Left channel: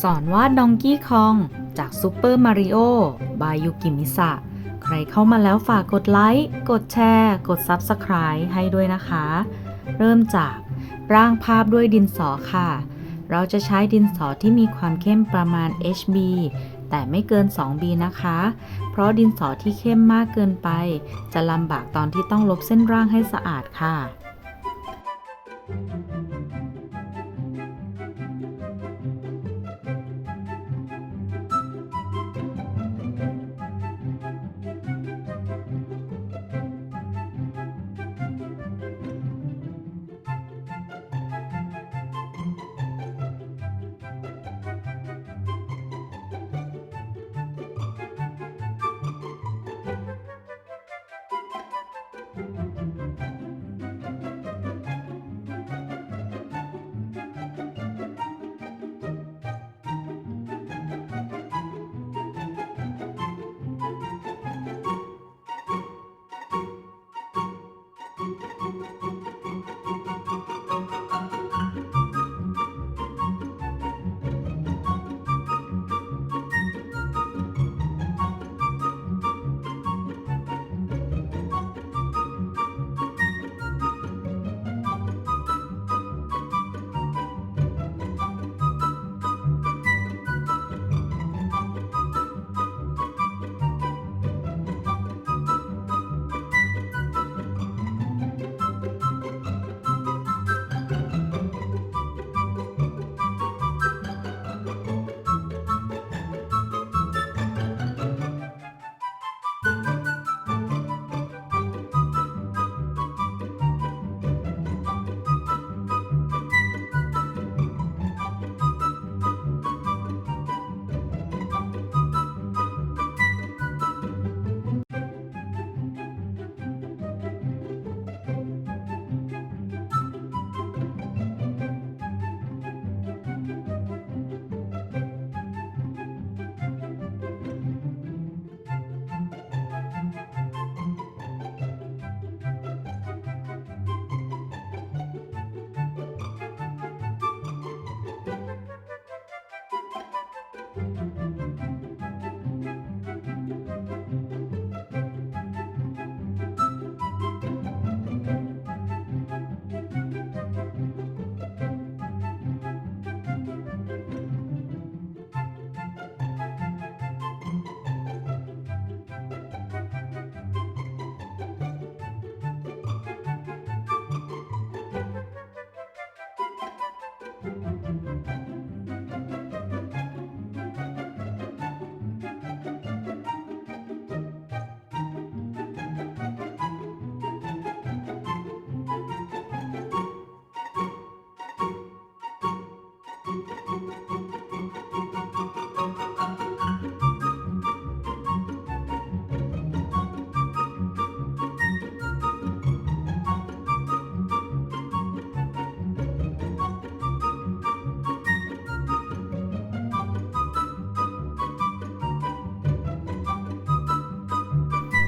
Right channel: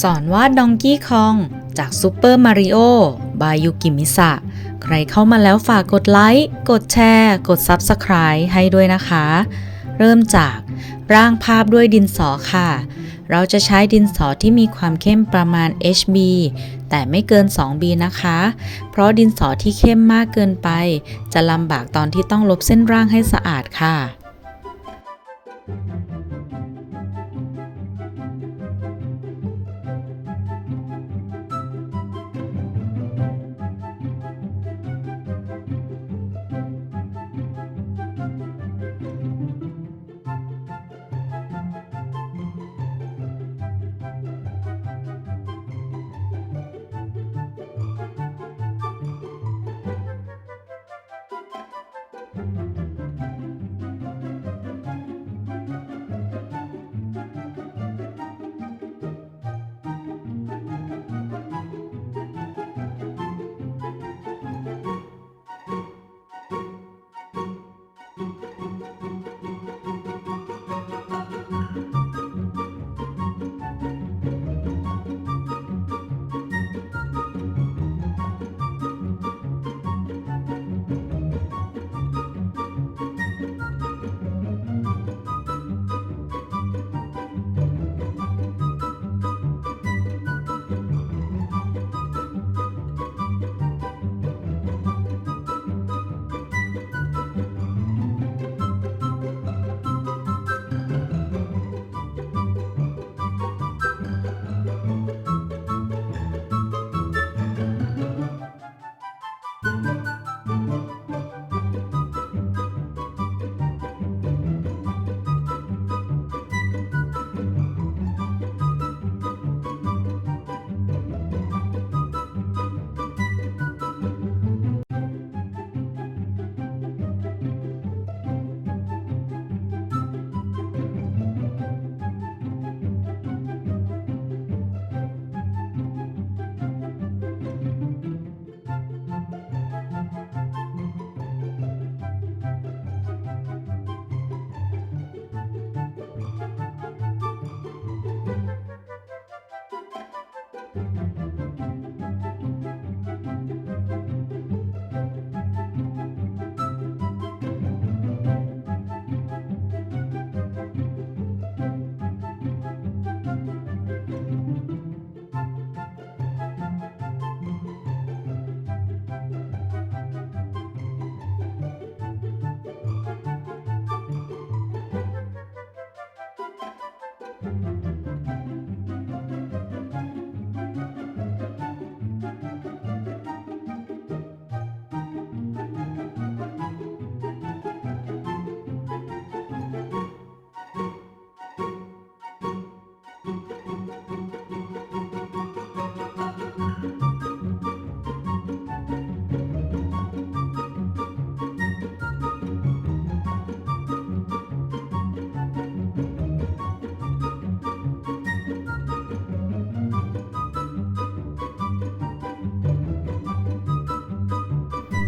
สอนวาดดองกี้คองจากซูเปอร์มาริโอบายยุกิมิสะใครเข้ามาแล้วฝากกดไลค์ กดแชร์ กด Subscribe ให้ด้วยนะคะ เริ่มจากร่างภาพด้วยดินสอค่ะ เราจะใช้ดินสอที่มีความเข้มประมาณ HB แต่ไม่เกิน 2B นะคะ เพราะดินสอที่เข้มมากเกินไป จะลำบากตอนที่ต้องลบเส้นร่างให้สะอาดค่ะ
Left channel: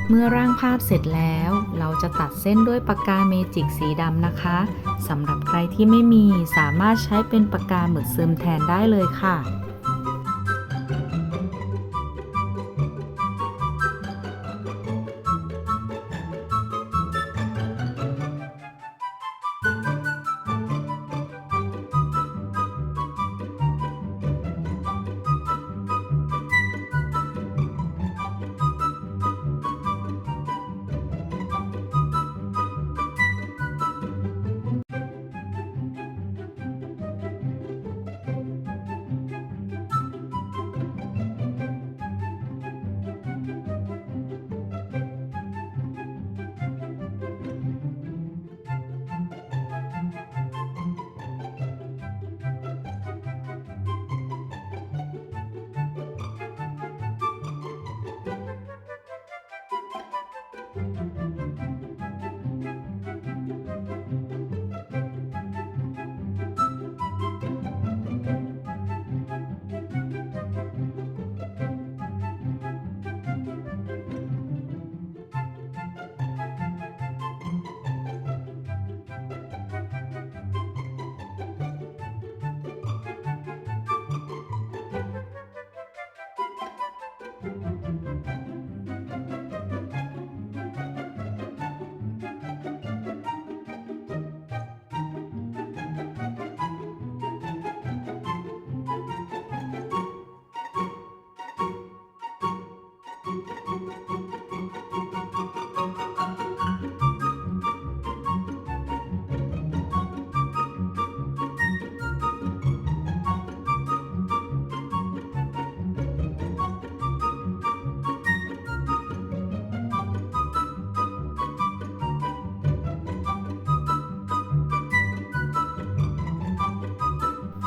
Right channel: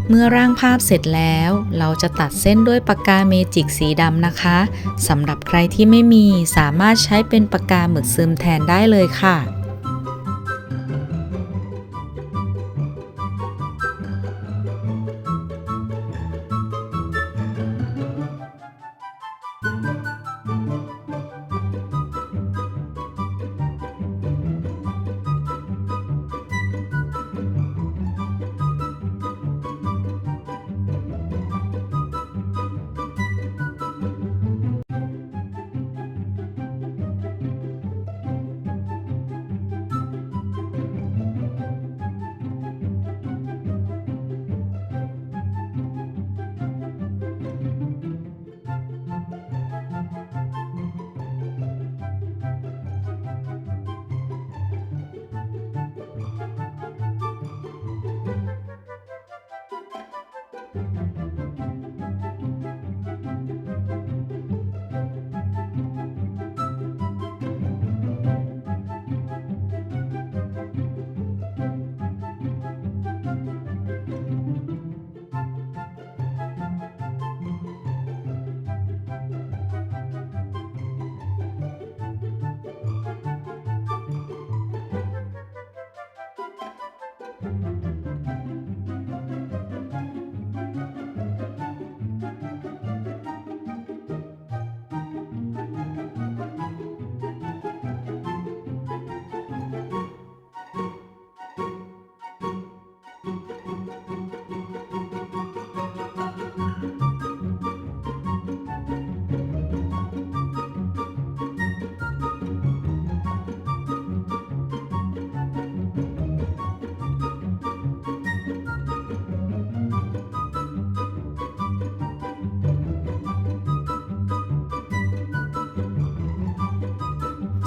เมื่อร่างภาพเสร็จแล้ว เราจะตัดเส้นด้วยปากกาเมจิกสีดำนะคะสำหรับใครที่ไม่มีสามารถใช้เป็นปากกาหมึกซึมแทนได้เลยค่ะ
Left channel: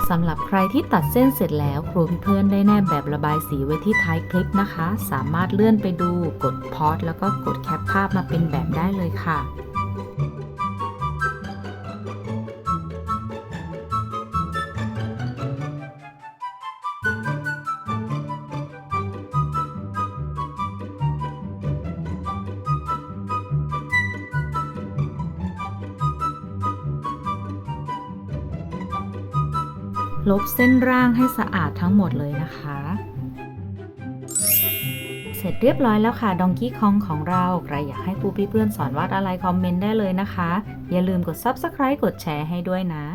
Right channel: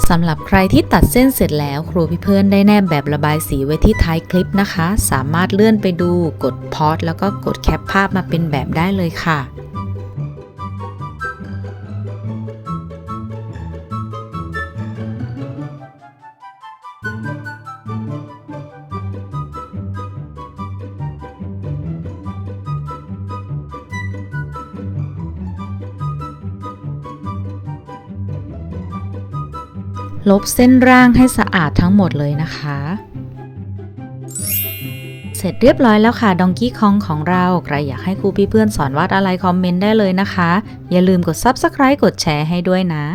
สำหรับใครที่ตัดเส้นเสร็จแล้วครูพี่เพื่อนได้แนบแบบระบายสีไว้ที่ท้ายคลิปนะคะ สามารถเลื่อนไปดูกดพอดแล้วก็กดแคปภาพมาเป็นแบบได้เลยค่ะ ลบเส้นร่างให้สะอาดทั้งหมดเลยนะคะ เสร็จเรียบร้อยแล้วค่ะดองกี้คองของเรา ใครอยากให้ครูพี่เพื่อนสอนวาดอะไรคอมเมนต์ได้เลยนะคะ อย่าลืมกด Subscribe กดแชร์ให้ด้วยนะ